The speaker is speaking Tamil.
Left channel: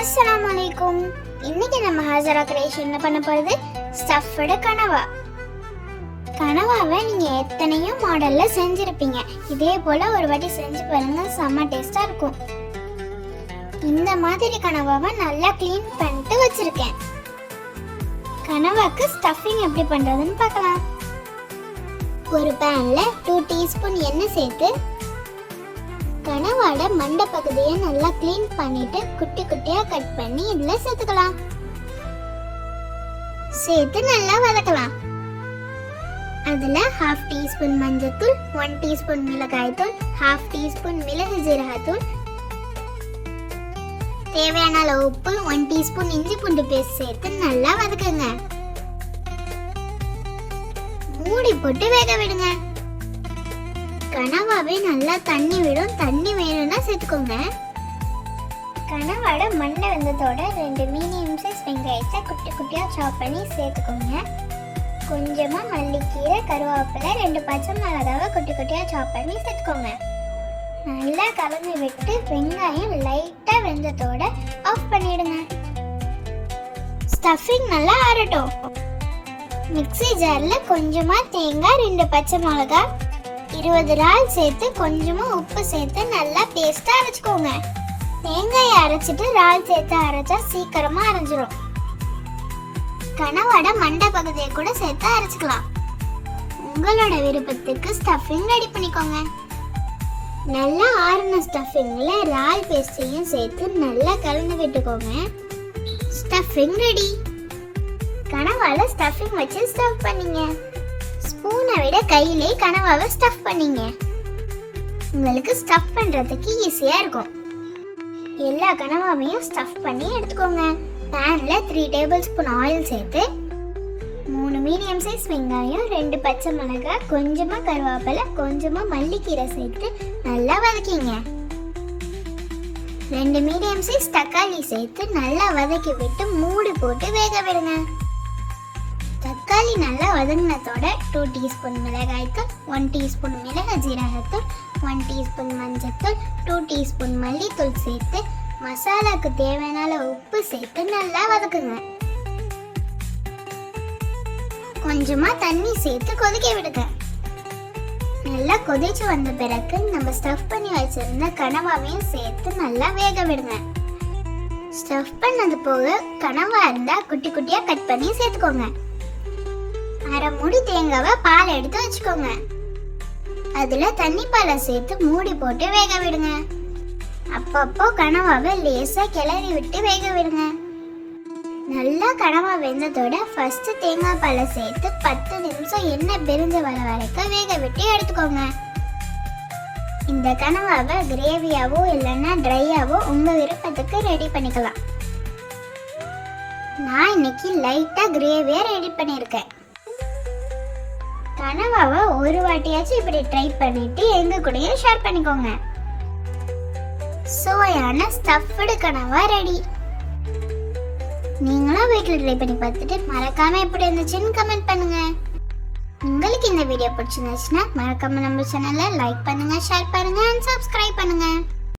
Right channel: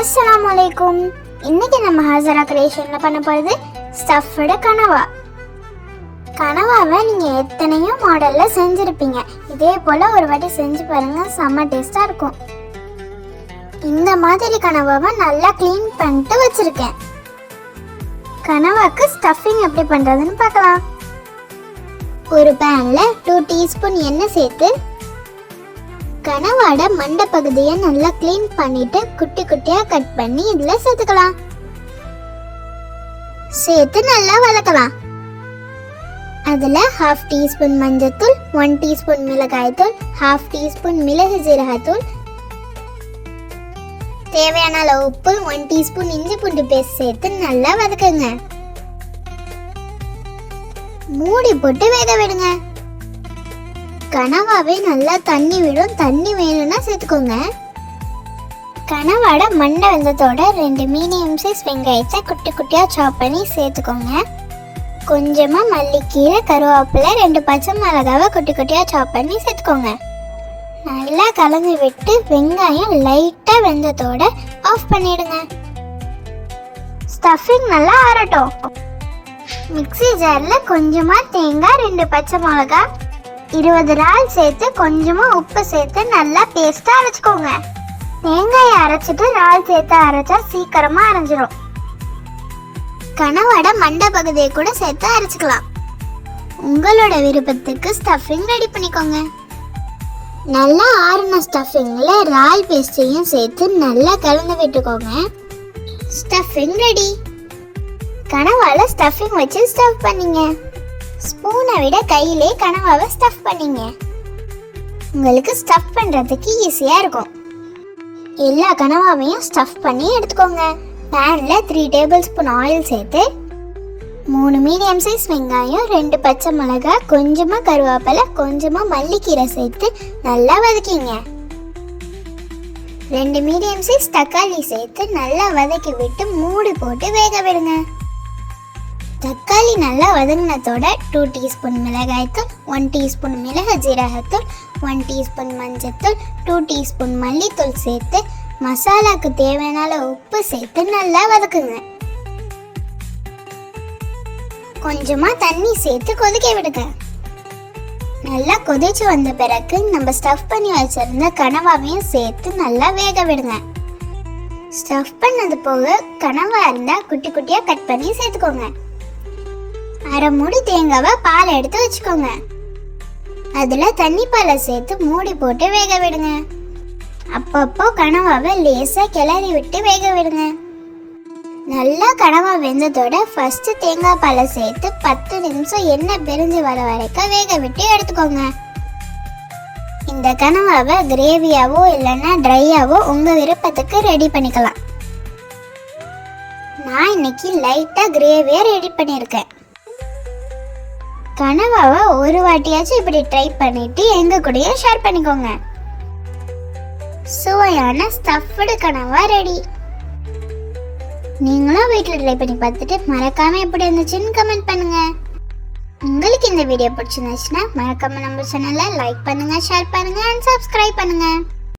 அஸ்ஸலாமு அலைக்கும் இன்னைக்கு நம்ம ஹாசரா கிரியேஷன்ல பண்ண போறது? ஸ்டஃப்டு கனவா. கனவாவை நீங்க எத்தனையோ மாடல்ல செஞ்சிருப்பீங்க. இதே போல ஒரு வாட்டி செஞ்சு பாருங்க செம்ம டேஸ்டா இருக்கும். இந்த மாதிரி கனவாவை நல்லா க்ளீன் பண்ணிட்டு வச்சிருக்கேன். கனவாக்கு ஸ்டஃபிங் எப்படி பண்றதுன்னு பார்க்கலாம். ஒரு பேன்ல டூ டீஸ்பூன் எண்ணெய் சேர்த்து கனவாட மண்டை பகுதியை நல்லா க்ளீன் பண்ணிட்டு குட்டி குட்டியா கட் பண்ணி இதுல சேர்த்துக்கலாம். சேர்த்து நல்லா வதக்கலாம். அதுல ஹாஃப் டீஸ்பூன் மஞ்சத்தூள் ஒன் டீஸ்பூன் மிளகாய்த்தூள் ஹாஃப் டீஸ்பூன் மிளகு ஜீரகத்தூள் தேவையான அளவு உப்பு ஒன் டீஸ்பூன் இஞ்சி பூண்டு பேஸ்ட் சேர்த்து நல்லா வதக்குங்க. மூடி போட்டு வேக விடுங்க. கனவாவே நல்லா தண்ணி விடும். தண்ணி வேணும்னா சேர்த்துக்கோங்க. கனவாட மண்டை வெந்தத்தோட ரெண்டு மீடியம் சைஸ் வெங்காயத்தை குட்டி குட்டியாக சாப் பண்ணி சேர்த்துக்கோங்க. கொஞ்சமாக மல்லிக்கீரை கருவேப்பிலை ரெண்டு பச்சை மிளகாவை குட்டி குட்டியாக சாப் பண்ணி சேர்த்துக்கோங்க. நல்லா கலந்து விட்டு வெங்காயம் லைட்டாக வெந்தத்தோட ஆஃப் பண்ணிடுங்க. ஸ்டஃபிங் நல்லா ஆறட்டும். மிக்ஸி ஜாரில் கொஞ்சமாக தேங்காய் ரெண்டு பச்சை மிளகாய் இருபது நாள் சேர்த்து கொஞ்சமா உப்பு சேர்த்து நல்லா பேஸ்டா அரைச்சுக்கோங்க. தேங்காயை அரைச்சிட்டு இறால் சேர்த்து அரைச்சா சீக்கிரமா அரைஞ்சிரும். கனவடை மண்டை பகுதியை கூட சேர்த்து அரைச்சிக்கலாம். உங்களோட விருப்பத்துக்கு ஸ்டஃபிங் ரெடி பண்ணிக்கோங்க. நல்லா ஆறின ஸ்டஃபிங்கில் ரால் பேஸ்டையும் சேர்த்து நல்லா கலந்து விட்டுக்கோங்க. ஸ்டஃபிங் ரெடி கனவால ஸ்டஃபிங் வச்சு ஸ்டஃப் பண்ணீங்க. ஸ்பூனை விட கையிலே கனவாவை ஸ்டஃப் பண்ணிங்க. உங்களுக்கு ஸ்டஃப் பண்ணுறதுக்கு ஈஸியாக இருக்கும். எல்லா கனவாவையும் ஸ்டஃப் பண்ணி எடுத்துக்கோங்க. பேனில் த்ரீ டேபிள் ஸ்பூன் ஆயில் சேர்த்து மூணு மீடியம் சைஸ் வெங்காயம் ரெண்டு பச்சை மிளகாய் கொஞ்சமாக கருவேப்பிலை கொஞ்சமாக மல்லிக்கீரை சேர்த்து நல்லா வதக்கிங்க. ரெண்டு மீடியம் சைஸ் தக்காளி சேர்த்து நல்லா வதக்கி விட்டு மூடி போட்டு வேக விடுங்க. தக்காளி நல்லா வதங்கினதோட டூ டீஸ்பூன் மிளகாய்த்தூள் ஒன் டீஸ்பூன் மிளகு ஜீரகத்தூள் ஒன் டீஸ்பூன் மஞ்சத்தூள் டூ டீஸ்பூன் மல்லித்தூள் சேர்த்து மசாலாவுக்கு தேவையான உப்பு சேர்த்து நல்லா வதக்குங்க. கொஞ்சமாக தண்ணி சேர்த்து கொதிக்க விடுங்க. நல்லா கொதிச்சு வந்த பிறகு நம்ம ஸ்டஃப் பண்ணி வச்சிருந்த கனவாவையும் சேர்த்து நல்லா வேக விடுங்க. ஸ்டஃப் பண்ணது போக கனவா இருந்தால் குட்டி குட்டியாக கட் பண்ணி சேர்த்துக்கோங்க. அரை மூடி தேங்காவை பால் எடுத்து வச்சுக்கோங்க. அதில் தண்ணி பாலை சேர்த்து மூடி போட்டு வேக விடுங்க. அப்பப்போ கனவாவை லேசாக கிளறி விட்டு வேக விடுங்க. நல்லா கனவா வெந்ததோட ஃபஸ்ட்டு தேங்காய் பாலை சேர்த்து பத்து நிமிஷம் எண்ணெய் பிரிஞ்சு வர வரைக்கும் வேக விட்டு எடுத்துக்கோங்க. இந்த கனவாவை கிரேவியாவோ இல்லைன்னா ட்ரையாவோ உங்கள் விருப்பத்துக்கு ரெடி பண்ணிக்கலாம். நான் இன்னைக்கு லைட்டாக கிரேவியாக ரெடி பண்ணியிருக்கேன். கனவாவை ஒரு வாட்டியாச்சும் இப்படி ட்ரை பண்ணிட்டு எங்க கூடயே ஷேர் பண்ணிக்கோங்க. சுவையான ஸ்டஃப்டு கனவா ரெடி நீங்களும் வீட்டில் ட்ரை பண்ணி பார்த்துட்டு மறக்காம எப்படி இருந்துச்சுன்னு கமெண்ட் பண்ணுங்க. உங்களுக்கு இந்த வீடியோ பிடிச்சிருந்துச்சுன்னா மறக்காம நம்ம சேனலை லைக் பண்ணுங்க ஷேர் பண்ணுங்க அண்ட் சப்ஸ்கிரைப் பண்ணுங்க.